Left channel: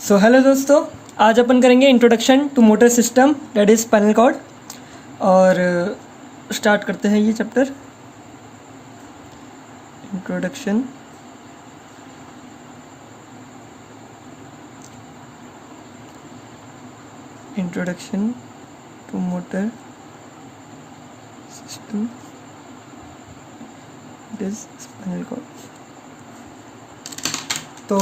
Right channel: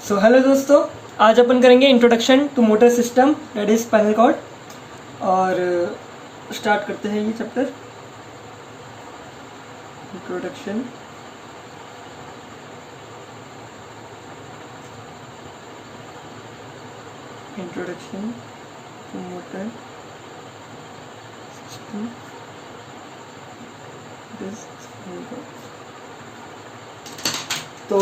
So hello दोस्तों, आज अपन करेंगे introduction to motor system that is spinal cord. और स्टार्ट करते हैं ये chapter. Introduction to motor system that is spinal cord. तो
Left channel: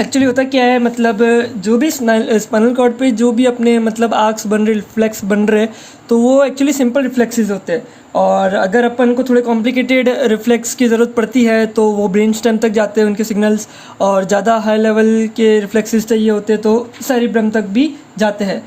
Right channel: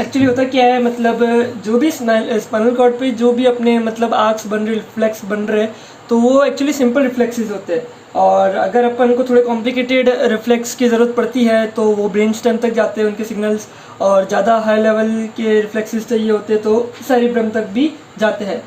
एक्चुअली होता क्या है, मतलब जो भी स्पाइनल कॉर्ड पे जो भी अपने मतलब आर्क्स बन रहे, रिफ्लेक्स बन रहे, तो वो एक्चुअली सिंपल रिफ्लेक्सेस होते हैं। और अगर अपन को थोड़े कॉम्प्लिकेटेड रिफ्लेक्स की ज़रूरत पड़ती है तो वो ब्रेन स्टेम तक जाते हैं उनके सिग्नल्स, और ज़्यादा हाई लेवल के रिफ्लेक्सेस चाहिए होते हैं तो सेरिब्रम तक भी जाते हैं।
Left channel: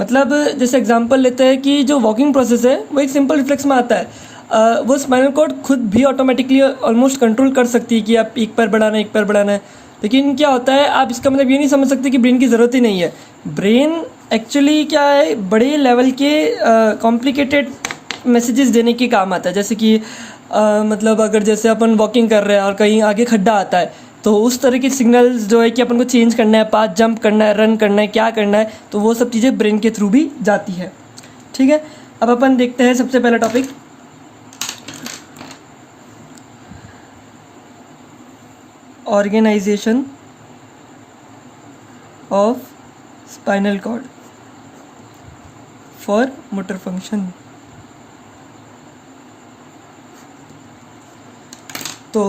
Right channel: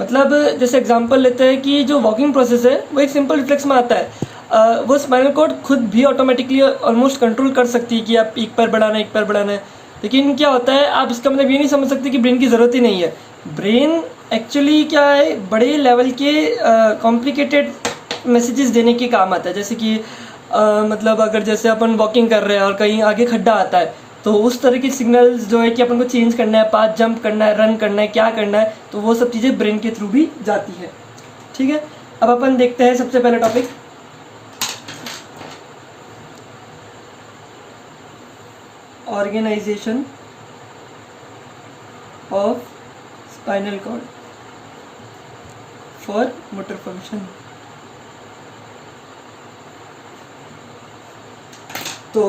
मतलब जैसे एग्जांपल लेते हैं कि जो वॉकिंग प्रोसेस है वो एक सिंपल रिफ्लेक्स में आता है। वो स्पाइनल कॉर्ड खुद भी ऑटोमेटिकली ऑलमोस्ट कंट्रोल कर सकती है कि आप एक पैर बढ़ाना है, एक पैर बढ़ाना है। लेकिन क्या होता है, आप इसका मतलब ये नहीं समझ सकते कि ब्रेन की ज़रूरत ही नहीं है। ब्रेन एक्चुअली क्या है, बड़े लेवल के कॉम्प्लिकेटेड मैसेजेस देने के काम आता है। जैसे कि मतलब अगर जैसे अपन वॉकिंग कर रहे हैं और कहीं आगे खड्डा आता है तो उस तरह के सिग्नल्स जो है कि अपन को चेंज करना है, पाथ जंप करना है, रन करना है, क्या करना है, तो वो सब चीज़ें ब्रेन के थ्रू भी जाती है। ठीक है, अब अपन देखते हैं सबसे पहला topic, organisation of spinal cord for motor function. तो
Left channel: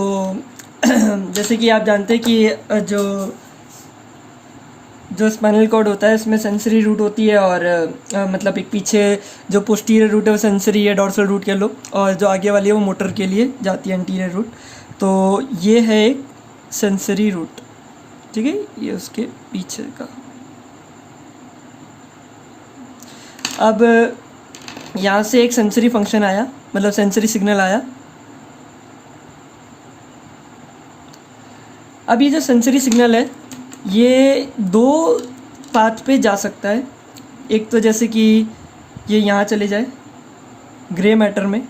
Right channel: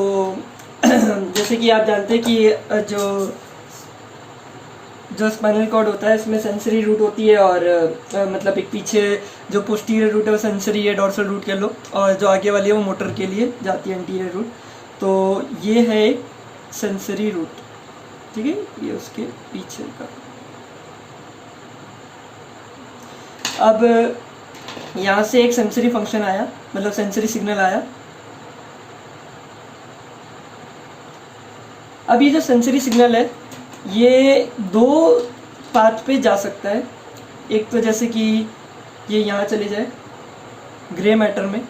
जैसे कि आप जानते हैं कि जो स्पाइनल कॉर्ड होता है इसमें सेंसरी रूट होती है, और मतलब एक पीछे जो पोस्टीरियर रूट है वो सेंसरी है, डॉर्सल रूट कह लो, और जो आगे वाली है वो मोटर के लिए जाती है, एंटीरियर रूट। तो ये है एक सेंसरी रूट, ठीक है, ये उसके पीछे का। अब यहाँ से एक सेंसरी फंक्शन आया, मतलब सेंसरी सिग्नल आया। अब ये जो सेंसरी सिग्नल है ये दो पाथ पे जा सकता है। एक तो जैसे कि ये यहाँ चले जाए ग्रे मैटर में,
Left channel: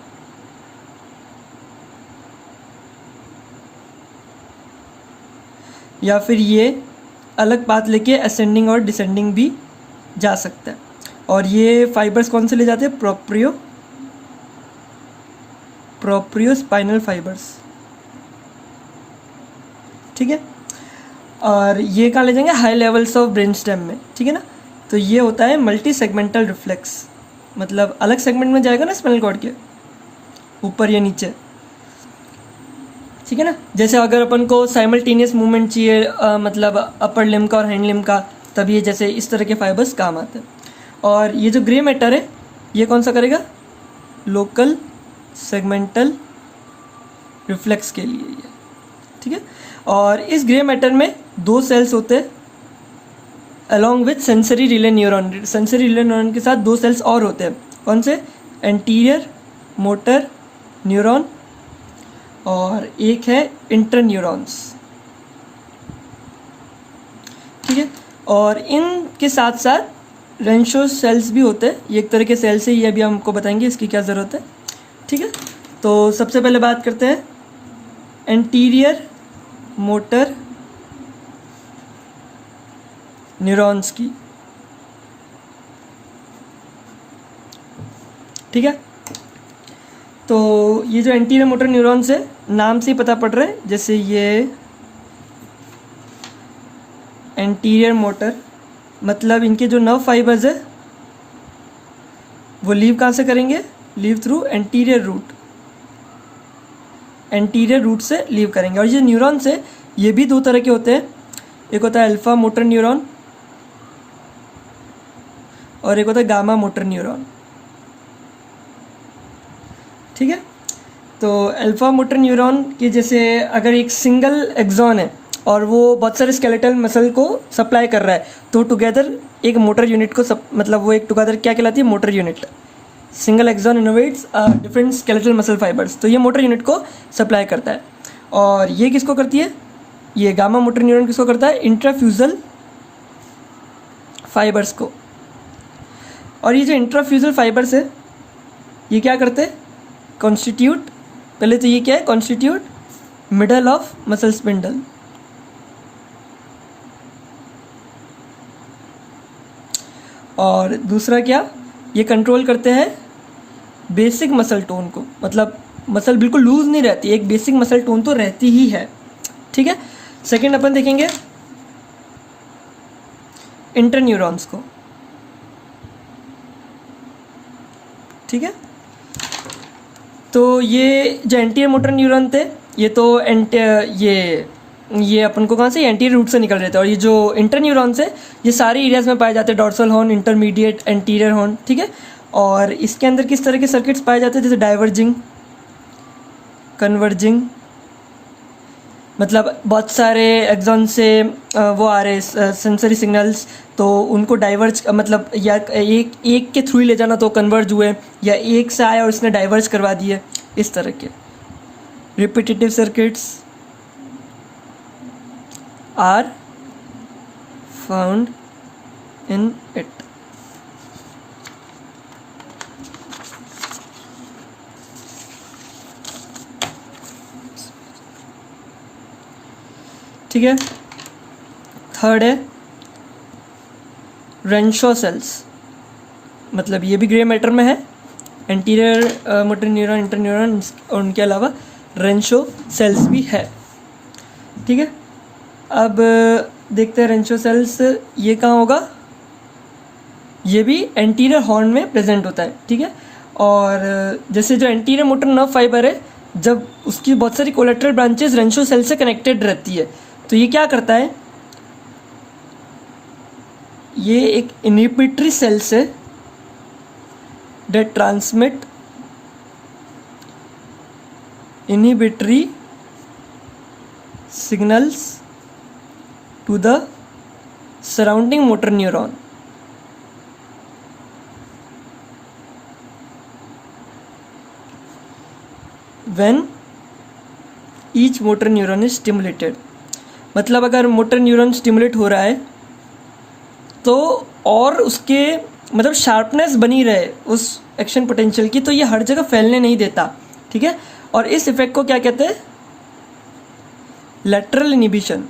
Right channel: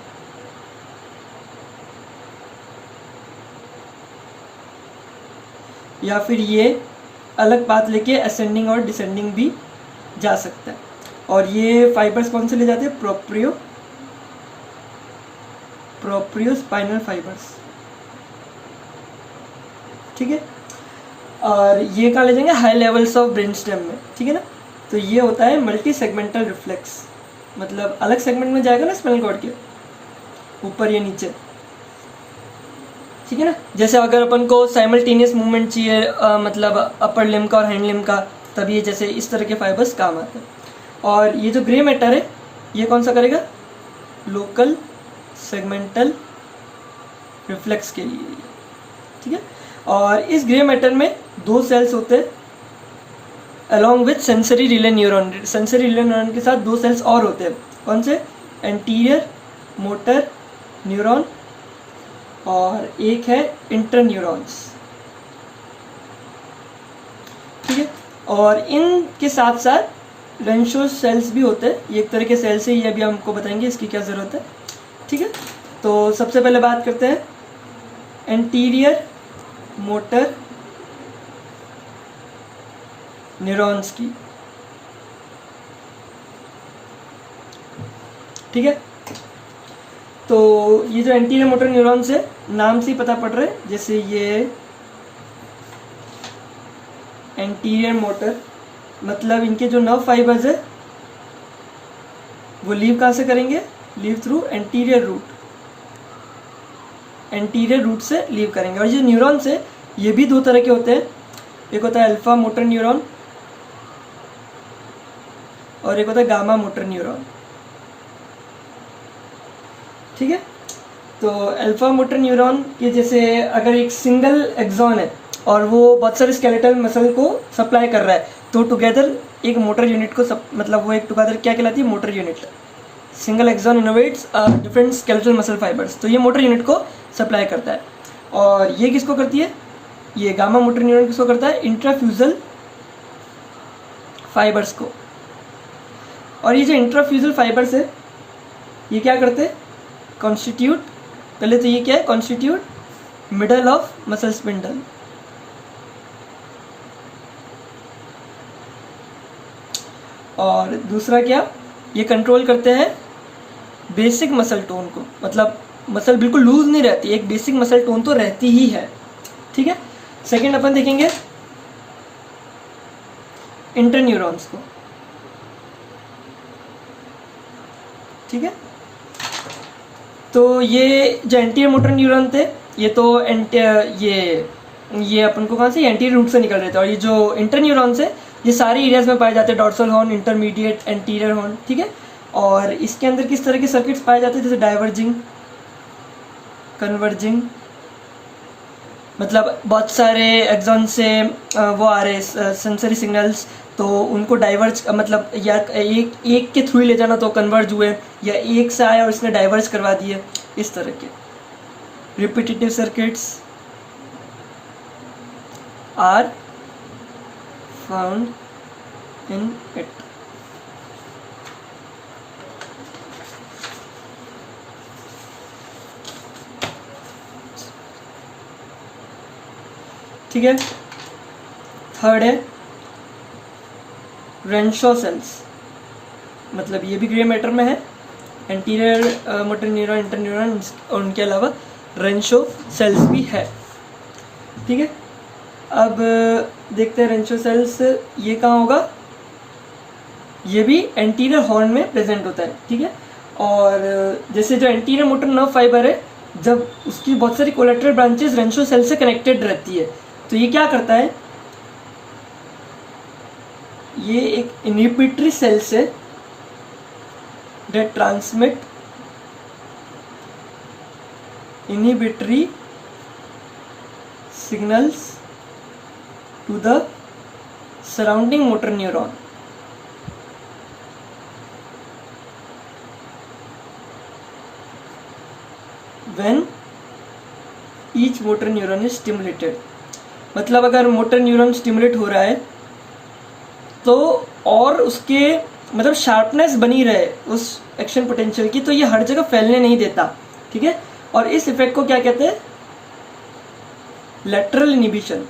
या फिर ये अलग पाथ लेके असेंडिंग और डिसेंडिंग भी जा सकता है। और ये फाइबर्स कौन से ले जाते हैं, प्रोप्रियो स्पाइनल फाइबर्स, ठीक है। और ये कहाँ ले जाएंगे, high levels of brain stem में, ठीक है ना। तो ये होता है मल्टी सेगमेंटल रिफ्लेक्स, मतलब अलग सेगमेंट में जाएगा ना स्पाइनल कॉर्ड के, ऊपर या नीचे, ठीक है ना। जैसे अगर अपन को साइमल्टेनियस मूवमेंट चाहिए, मतलब अपर लिम्ब का और हैंड लिम्ब का, तब ये जैसे इस तरह के फाइबर्स काम आते हैं। और ये जो ग्रे मैटर है ये कौन सा करेगा, लोकल सेगमेंटल रिफ्लेक्स के लिए, ठीक है। और इस ग्रे मैटर में दो सेल्स होते हैं along with sensory relay neuron. Sensory relay neuron के साथ दो सेल्स और होते हैं, कौन से, एंटीरियर मोटर न्यूरॉन, और एक है इंटर न्यूरॉन्स, ठीक है। और इनके साथ साथ रेंशो सेल्स भी होते हैं। ये एक तरह के सेल्स है, ये अभी हमको बताएंगे इसकी क्या ज़रूरत है, ठीक है। तो सबसे पहले बात करते हैं एंटीरियर मोटर न्यूरॉन्स की, ठीक है। तो ये जो एंटीरियर मोटर न्यूरॉन्स है, नाम से ही पता पड़ रहा है, जैसे ये एंटीरियर मोटर, मतलब इनके जो नर्व फाइबर्स है वो लीव कहाँ से करेंगे, leave through anterior root, anterior root से लीव करेंगे। और ये न्यूरॉन्स है ये भी दो तरह के होते हैं, एक होता है अल्फा मोटर न्यूरॉन और एक होता है गामा मोटर न्यूरॉन, ठीक है। तो अल्फा मोटर न्यूरॉन के जैसे अगर एक सिंगल एक्सॉन है और वो बहुत सारे स्केलेटल मसल को सप्लाई कर रहा है, तो टुगेदर एक मोटर यूनिट को मतलब वो एक टुगेदर क्या कहलाती है, motor unit. Single axon innovates different skeletal muscle fibres, तो ये मोटर यूनिट को सप्लाई करता है। और ये किसको करती है, ये गामा मोटर न्यूरॉन किसको करता है, इंट्राफ्यूजल फाइबर्स को। और ये जो इंट्राफ्यूजल फाइबर्स है ये क्या करते हैं, कॉन्स्टिट्यूट, पहले तो ये क्या है, constitute middle of muscle spindle, और दूसरा क्या, ये कंट्रोल करते हैं बेसिक मसल टोन को, मतलब मसल बिल्कुल लूज नहीं रहती, एक बेसिक मसल टोन तो रहती ही है, ठीक है। सेकंड अपन देखेंगे इंटरन्यूरॉन्स को, ठीक है। तो ये जो एंटीरियर मोटर न्यूरॉन थे, ये तो ये अपन को कहाँ से, एंटीरियर रूट से निकल रहे थे। और ये जो इंटरन्यूरॉन्स है, ये सारे एरियाज में पाए जाते हैं, dorsal horn, intermediate, anterior horn, ठीक है। और इसके अंदर किस तरह के सर्किट्स पाए जाते हैं, जैसे डाइवर्जिंग, कन्वर्जिंग, मतलब बहुत सारे एक्सॉन से वो आ रहे सेंसरी सिग्नल्स, तो उनको डाइवर्ज, मतलब या एक के थ्रू ही ले जाना तो कन्वर्ज हुए, या एक से आया और इसने डाइवर्ज करवा दिए, इस तरह के repetitive circuits are found in it. ठीक है। थर्ड है रेंशो सेल्स, मतलब ये भी ग्रे मैटर में है, एंटीरियर मोटर न्यूरॉन, इंटरन्यूरॉन, और उनके अलावा रेंशो सेल्स भी है, ठीक है। अब देखते हैं रेंशो सेल्स ये कहाँ होगा, ये भी एंटीरियर हॉर्न में प्रेजेंट होता है, ठीक है। और जैसे जो एंटीरियर मोटर नर्व फाइबर है, जब उसकी बहुत सारी कोलेटरल ब्रांचेस रेंशो सेल से कनेक्टेड रहती है, तो ये क्या करता है, ये एक इनहिबिटरी सेल्स है that transmit inhibitory signals to the surrounding motor neuron. When each motor neuron is stimulated, मतलब अगर मोटर न्यूरॉन स्टिमुलेट हो रहा है तो और उसके मतलब शार्पनेस बनी रहे उस एक्शन पोटेंशियल की, तो ये हर जगह फैलने नहीं देता, ठीक है। और इस इफेक्ट को क्या कहते हैं, लैटरल इनहिबिशन,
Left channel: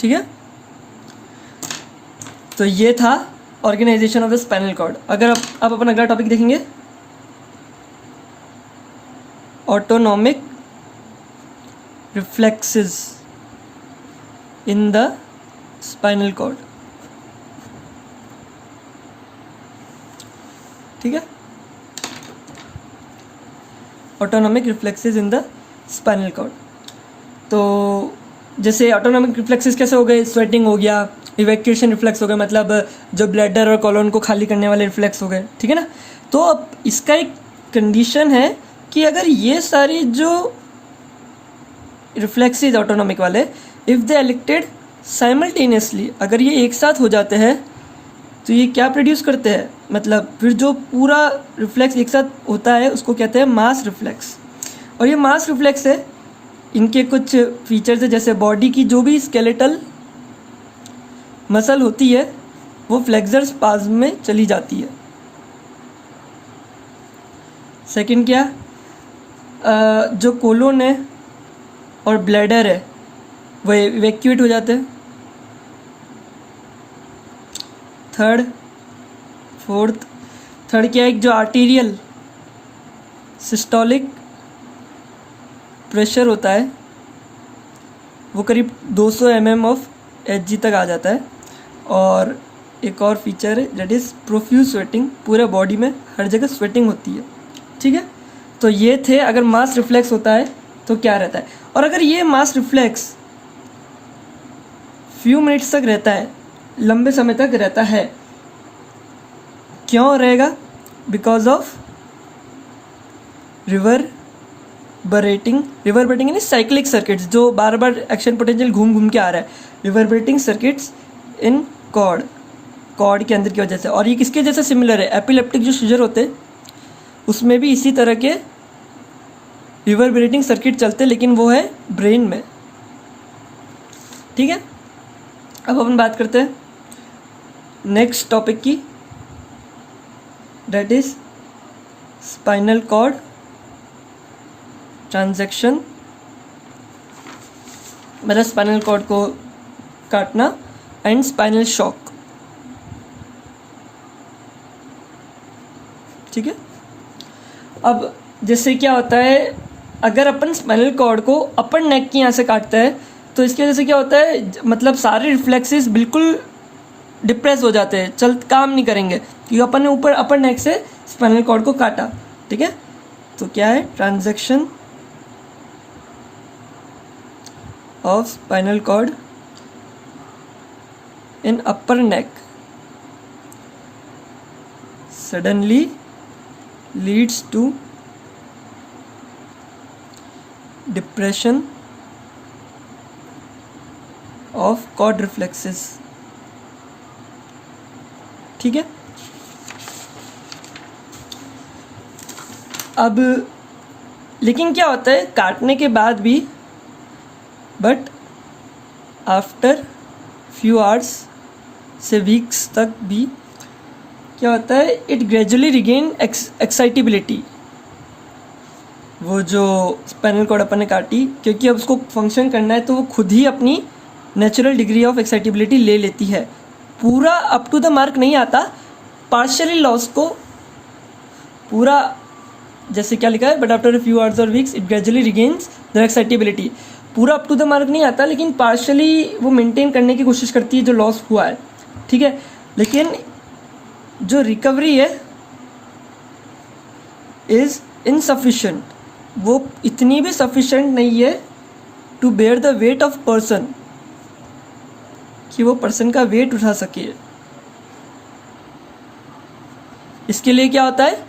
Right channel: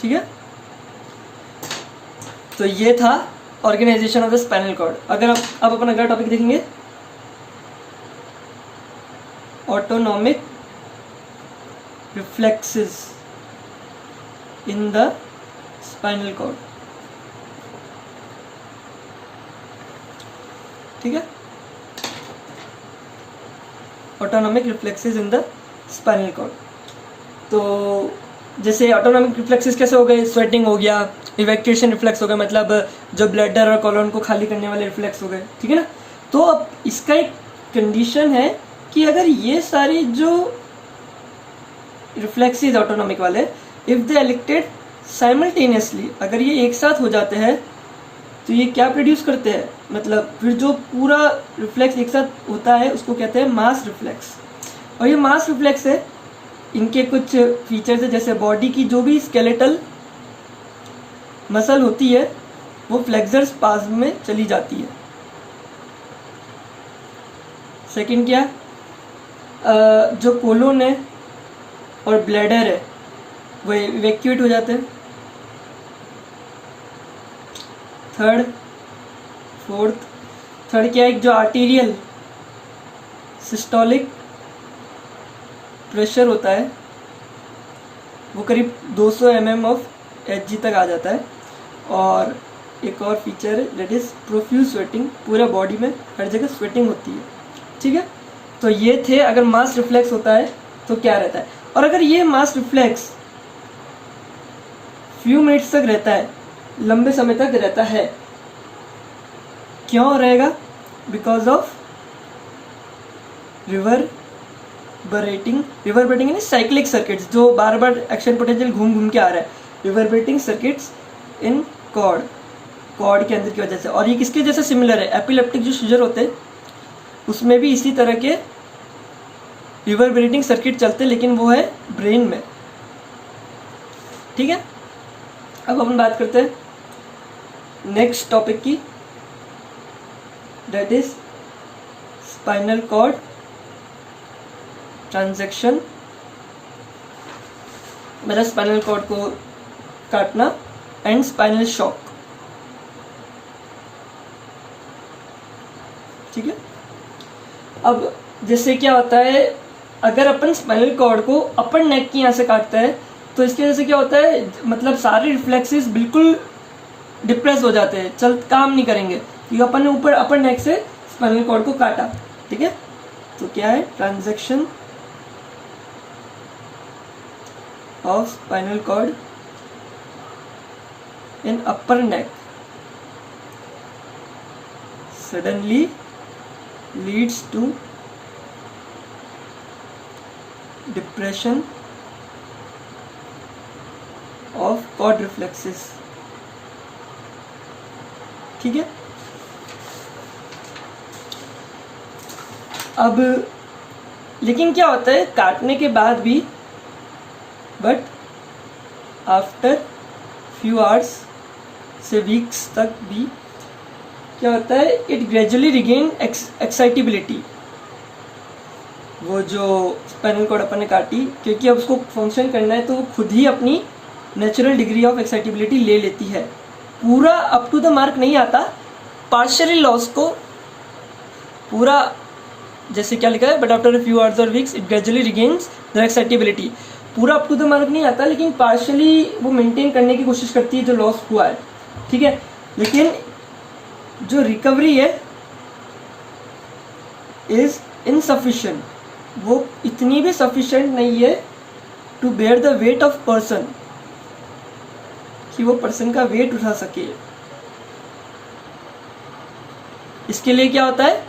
ठीक है। तो ये था organisation of the spinal cord. अगर आप अपना अगला टॉपिक देखेंगे, autonomic reflexes in the spinal cord, ठीक है। Autonomic reflexes in the spinal cord, तो जैसे ऑटोनॉमिक रिफ्लेक्सेस कैसे हो गए, स्वेटिंग हो गया, इवैक्यूएशन रिफ्लेक्स हो गया, मतलब जो ब्लैडर और कॉलन को खाली करने वाले रिफ्लेक्स हो गए, ठीक है ना। तो अब इसका एक कंडीशन है कि अगर ये सारी जो रिफ्लेक्सेस ऑटोनॉमिक वाले, इफ दे इलेक्टेड साइमल्टेनियसली, अगर ये एक साथ हो जाते हैं तो ये क्या प्रोड्यूस करते हैं, मतलब फिर जो पूरा रिफ्लेक्स एक साथ होता है उसको कहते हैं मास रिफ्लेक्स। और ये मास रिफ्लेक्स है, इनके कुछ फीचर्स है, जैसे बॉडी की जो भी स्केलेटल मसल होती है वो फ्लेक्सर स्पाज्म में चली जाती है। सेकंड क्या, जो कोलोन है और ब्लैडर है वो इवैक्यूएट हो जाते हैं। थर्ड क्या है, जो आर्टीरियल सिस्टोलिक प्रेशर होता है वो करीब 200 mm ऑफ Hg तक आ जाता है। और एक और फीचर है दैट इज प्रोफ्यूज स्वेटिंग, पूरा बॉडी में हर जगह स्वेटिंग होती है, ठीक है। तो ये थे, अगर मास रिफ्लेक्स होता है तो क्या रहता है। और अगर ये मास रिफ्लेक्स फ्यू मिनट्स तक रहता है, लंबे समय तक रहता है, क्यों रहेगा, बिकॉज ऑफ रिवर्बरेटिंग यानी साइक्लिक सर्किट्स, जो बार बार एक्शन पोटेंशियल घूम घूम के आ रहा है, रिवर्बरेटिंग सर्किट्स इन कॉर्ड के अंदर की वजह से। और ये किसके जैसे सिमिलर है, एपिलेप्टिक जो सीजर होते हैं उसमें भी इसी तरह के रिवर्बरेटिंग सर्किट चलते हैं, लेकिन वो है ब्रेन में, ठीक है। अब अपन बात करते हैं नेक्स्ट टॉपिक की, that is spinal cord transaction, मतलब स्पाइनल कॉर्ड को काटना एंड स्पाइनल शॉक। ठीक है। अब जैसे क्या होता है, अगर अपन स्पाइनल कॉर्ड को अपर नेक की यहाँ से काटते हैं तो इसकी वजह से क्या होता है, मतलब सारे रिफ्लेक्सेस बिल्कुल डिप्रेस हो जाते हैं, चल काम नहीं करेंगे, क्योंकि अपन ने ऊपर अपर नेक से स्पाइनल कॉर्ड को काटा। ठीक है, तो क्या है, transaction of spinal cord in upper neck suddenly leads to depression of cord reflexes. ठीक है। अब लेकिन क्या होता है, काटने के बाद भी, बट आफ्टर फ्यू आवर्स से वीक्स तक भी क्या होता है, इट ग्रेजुअली रिगेन एक्साइटेबिलिटी। वो जो स्पाइनल कॉर्ड अपन ने काटी, क्योंकि अब उसको फंक्शन करना है तो वो खुद ही अपनी नेचुरल डिग्री ऑफ एक्साइटेबिलिटी ले लेती है। पूरा अप टू द मार्क नहीं आता, पार्शियली लॉस को पूरा, जैसे क्या लिखा है, but after a few hours और weeks it gradually regains their excitability. पूरा अप टू द मार्क नहीं आता, लेकिन पार्शियली वो मेंटेन करने की कोशिश करती है जो लॉस हुआ है। ठीक है, लेकिन जो रिकवरी है इज इनसफिशिएंट, वो इतनी भी सफिशिएंट नहीं है to bear the weight of person, कि वो पर्सन का वेट उठा सके। इसके लिए क्या होता है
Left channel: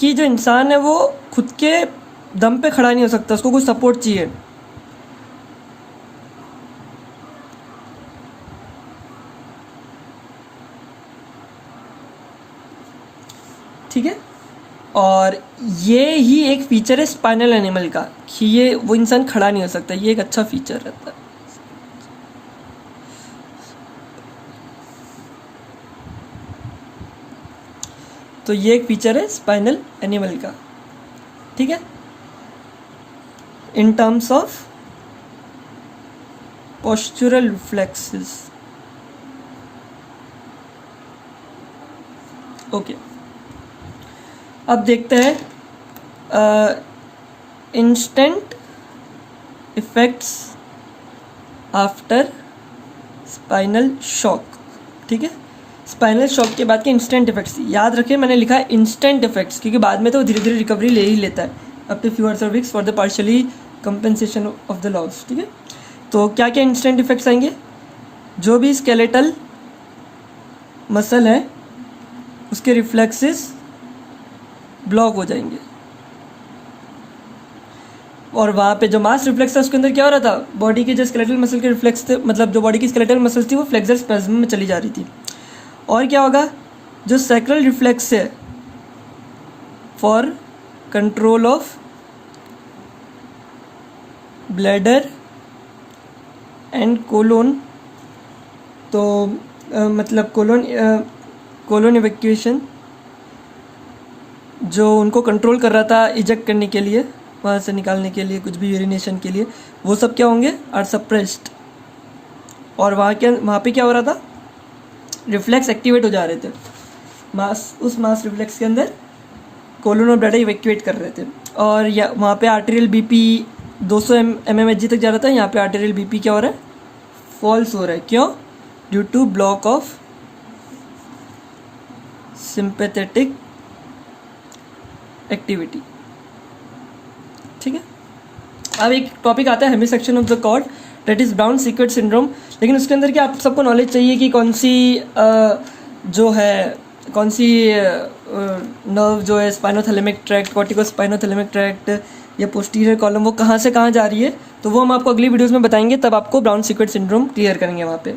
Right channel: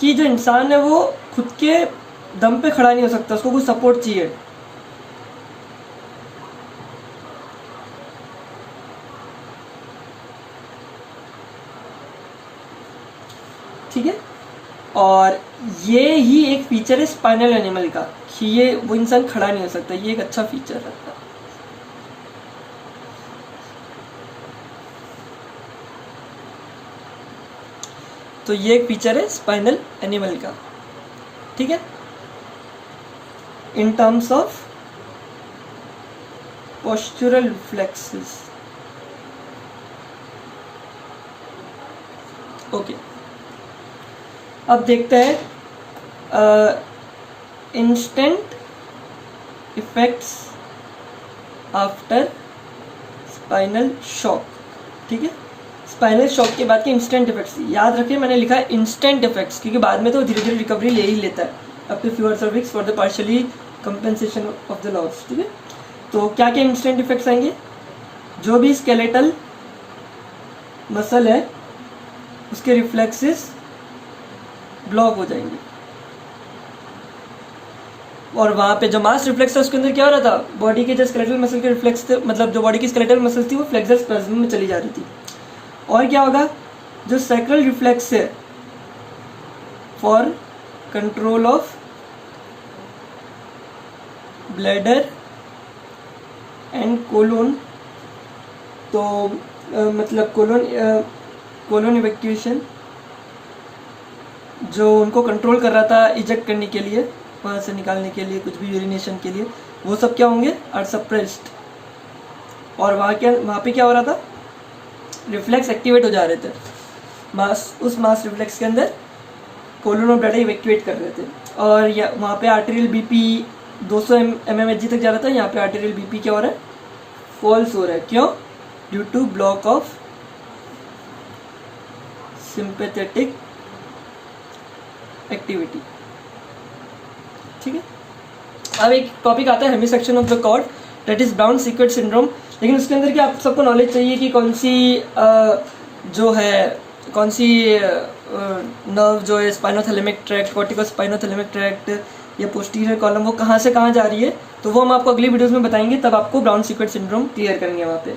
कि जो इंसान है वो खुद के दम पे खड़ा नहीं हो सकता, उसको कुछ सपोर्ट चाहिए। ठीक है, और ये ही एक फीचर है स्पाइनल एनिमल का, कि ये वो इंसान खड़ा नहीं हो सकता, ये एक अच्छा फीचर रहता है। तो ये एक फीचर है स्पाइनल एनिमल का। ठीक है, in terms of postural reflexes. Okay, अब देखते हैं instant effects after spinal shock. ठीक है, स्पाइनल शॉक के बाद के इंस्टेंट इफेक्ट्स याद रखिए, मैंने लिखा है इंस्टेंट इफेक्ट्स, क्योंकि बाद में तो धीरे धीरे रिकवरी ले ही लेता है, अप टू फ्यू आवर्स और weeks for the partially compensation of the loss. ठीक है, तो क्या क्या इंस्टेंट इफेक्ट्स आएंगे, जो भी स्केलेटल मसल है उसके रिफ्लेक्सेस ब्लॉक हो जाएंगे, और वहाँ पे जो मास रिफ्लेक्स था उसके अंदर क्या हो रहा था, बॉडी के जो स्केलेटल मसल के रिफ्लेक्स थे, मतलब जो बॉडी की स्केलेटल मसल्स थी वो फ्लेक्सर स्पैज्म में चली जा रही थी। और क्या होगा, जो सैक्रल रिफ्लेक्स है for control of bladder and colon, तो मतलब कोलोन इवैक्यूएशन, जो उनको कंट्रोल कर रहा था इजेक्ट करने के लिए, वहाँ से निकालने के लिए, कुछ भी यूरिनेशन के लिए, वो सब क्या होंगे, आर सप्रेस्ड। और वहाँ पे क्या हो रहा था, रिफ्लेक्स एक्टिवेट हो जा रहे थे, उस मास रिफ्लेक्स के अंदर कोलोन और ब्लैडर इवैक्यूएट कर रहे थे। और वहाँ पे आर्टेरियल बीपी 200 mmHg तक जा रहा था, यहाँ पे आर्टेरियल बीपी क्या हो रहा है, फॉल्स हो रहा है। क्यों, due to block of sympathetic activity. ठीक है, अब एक टॉपिक आता है hemisection of the cord, that is Brown Sequard syndrome. लेकिन उसके अंदर क्या आप सबको नॉलेज चाहिए कि कौन सी नर्व जो है स्पाइनोथैलेमिक ट्रैक्ट, कॉर्टिकोस्पाइनोथैलेमिक ट्रैक्ट या पोस्टीरियर कॉलम, वो कहाँ से कहाँ जा रही है, तो वो हम आपको अगली वीडियोस में बताएंगे, तब आपको ब्राउन सीक्वेट सिंड्रोम क्लियर करेंगे वहाँ पे।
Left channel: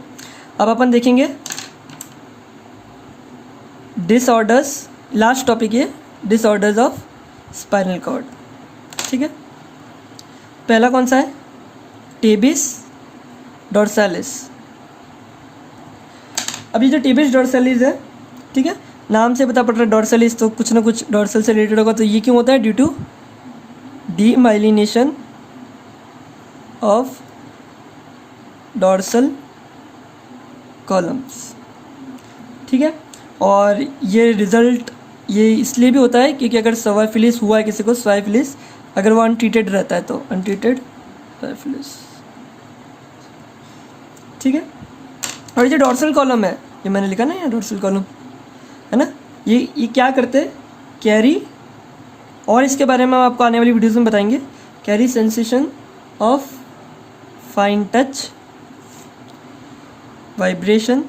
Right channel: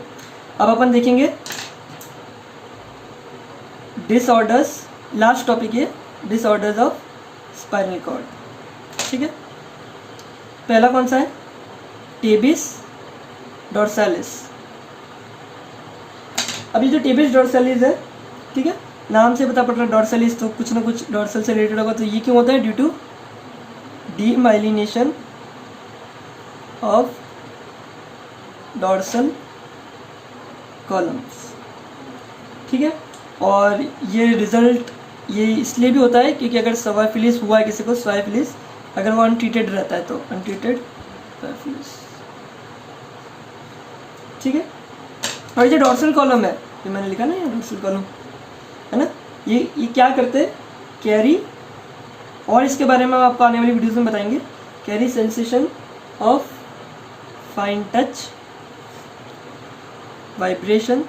अब अपन देखेंगे डिसऑर्डर्स, लास्ट टॉपिक है डिसऑर्डर्स ऑफ स्पाइनल कॉर्ड। ठीक है, पहला कौन सा है, टेबिस डोर्सालिस। अभी जो टेबिस डोर्सालिस है, ठीक है, नाम से पता पड़ रहा है डोर्सालिस, तो कुछ ना कुछ डोर्सल से रिलेटेड होगा। तो ये क्यों होता है, due to demyelination of dorsal columns. ठीक है, और ये रिजल्ट ये इसलिए भी होता है क्योंकि अगर स्वाइफिलिस हुआ है किसी को, स्वाइफिलिस अगर वो अनट्रीटेड रहता है तो अनट्रीटेड स्वाइफिलिस। ठीक है, और ये डॉर्सल कॉलम है, ये मैंने लिखा ना यहाँ डॉर्सल कॉलम है ना, ये क्या करते हैं, कैरी, और इसके बारे में हम आपको आने वाली वीडियोस में बताएंगे, carry sensation of fine touch, vibration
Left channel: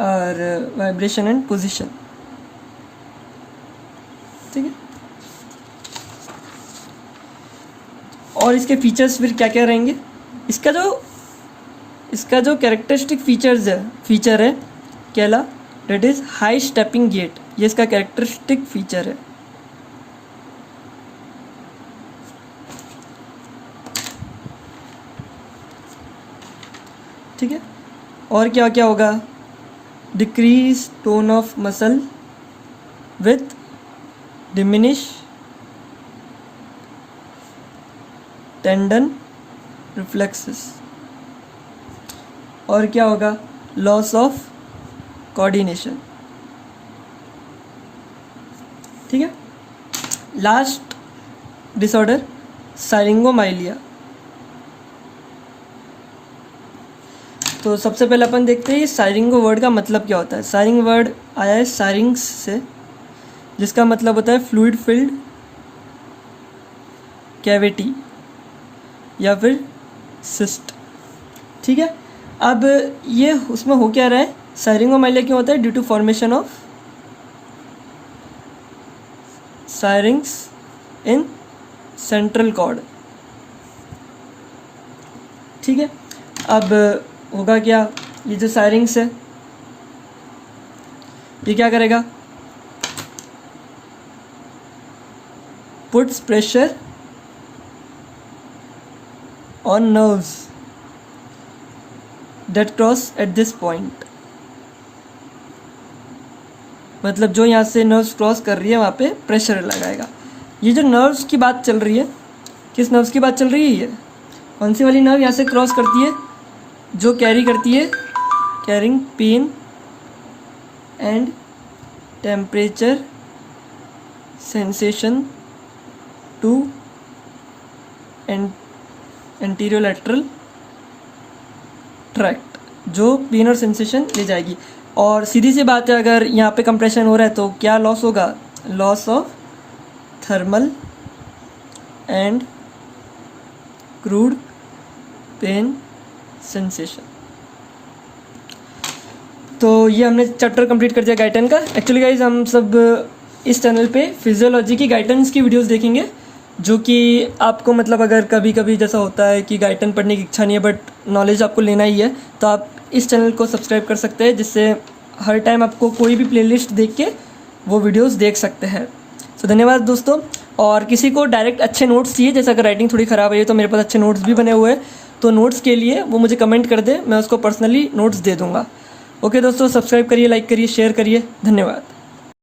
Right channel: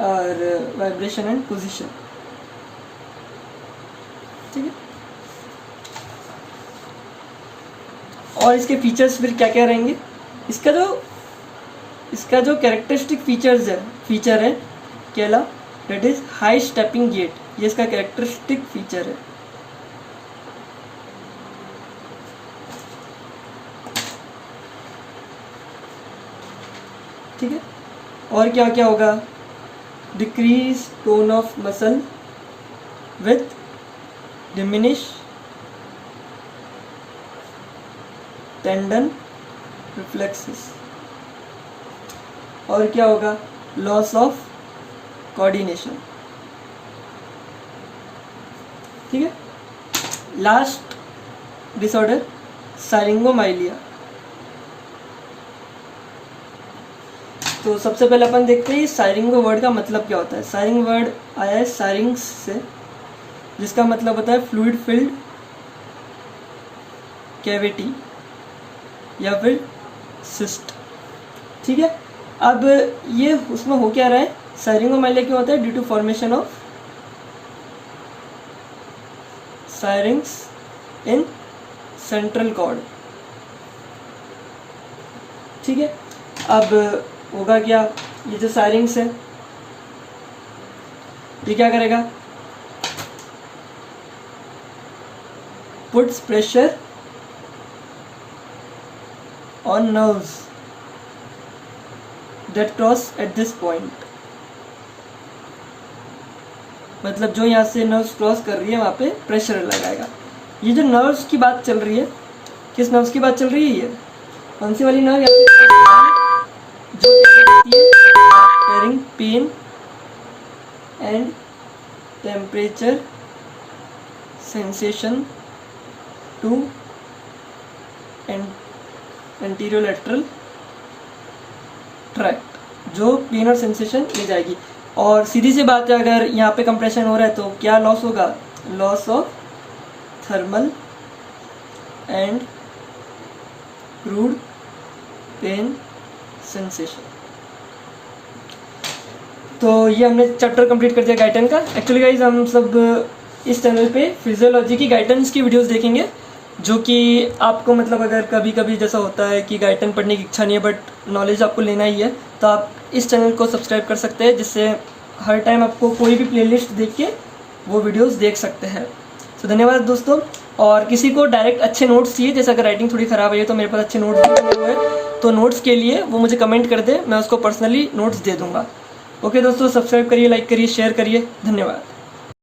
और वाइब्रेशन एंड पोजीशन। ठीक है, और इसके फीचर्स फिर क्या क्या रहेंगे, इसका जो कैरेक्टरिस्टिक फीचर है कहला, that is high stepping gait, ये इसका कैरेक्टरिस्टिक फीचर है। ठीक है, और क्या क्या होगा, decrease tone of muscle with diminish tendon reflexes, और क्या होगा, लॉस ऑफ कोऑर्डिनेशन। ठीक है, लास्ट डिसऑर्डर साइरिंगोमाइलिया। तो सबसे पहले अपन देखते हैं साइरिंगो वर्ड का मतलब क्या होता है। साइरिंग वर्ड आया है साइरिंग्स से, जिसका मतलब होता है फ्लूइड फिल्ड कैविटी या फिर सिस्ट। ठीक है, अब ये उसमें हो क्या रहा है, साइरिंगोमाइलिया क्यों होता है, due to formation of syrinx in central cord. ठीक है, अब होगा क्या, ये जो साइरिंग्स है ये क्या करेगा, puts pressure on nerves that cross at this point, मतलब जो यहाँ से नर्व्स क्रॉस कर रही है वहाँ पे प्रेशर लगाएगा। ये जो नर्व्स की बात चल रही है, किस नर्व्स की बात चल रही है, ये कौन सी वाली नर्व यहाँ से क्रॉस करती है, जो कैरी करती है, carrying pain and temperature sensation to anterolateral tract, जो पेन और सेंसेशन ले जाएगी। और सीधी सी बात है, अगर यहाँ पे कंप्रेशन हो रहा है तो क्या लॉस होगा, loss of thermal and crude pain sensation. तो ये हमने चैप्टर कंप्लीट कर दिया गाइटन का। एक्चुअली गाइज हम सब इस चैनल पे फिजियोलॉजी की गाइटेंस की वीडियोस देखेंगे, जो कि आपको मतलब अगर कभी कभी जैसा होता है कि गाइटन पढ़ने की इच्छा नहीं है बट नॉलेज आपको लेना ही है, तो आप इस चैनल को सब्सक्राइब कर सकते हैं, जिससे हर टाइम आपको कोई भी प्लेलिस्ट देख के वो वीडियोस देख सकते हैं। तो धन्यवाद दोस्तों। और किसी को डायरेक्ट अच्छे नोट्स चाहिए, जैसे अगर राइटिंग थोड़ी ख़राब है तो मेरे पास अच्छे नोट्स भी बने हुए हैं, तो नोट्स के लिए वो मुझे कमेंट कर दे, मैं उसको पर्सनली नोट्स दे दूँगा। ओके दोस्तों, सब्सक्राइब करिए, लाइक करिए, शेयर करिए, धन्यवाद।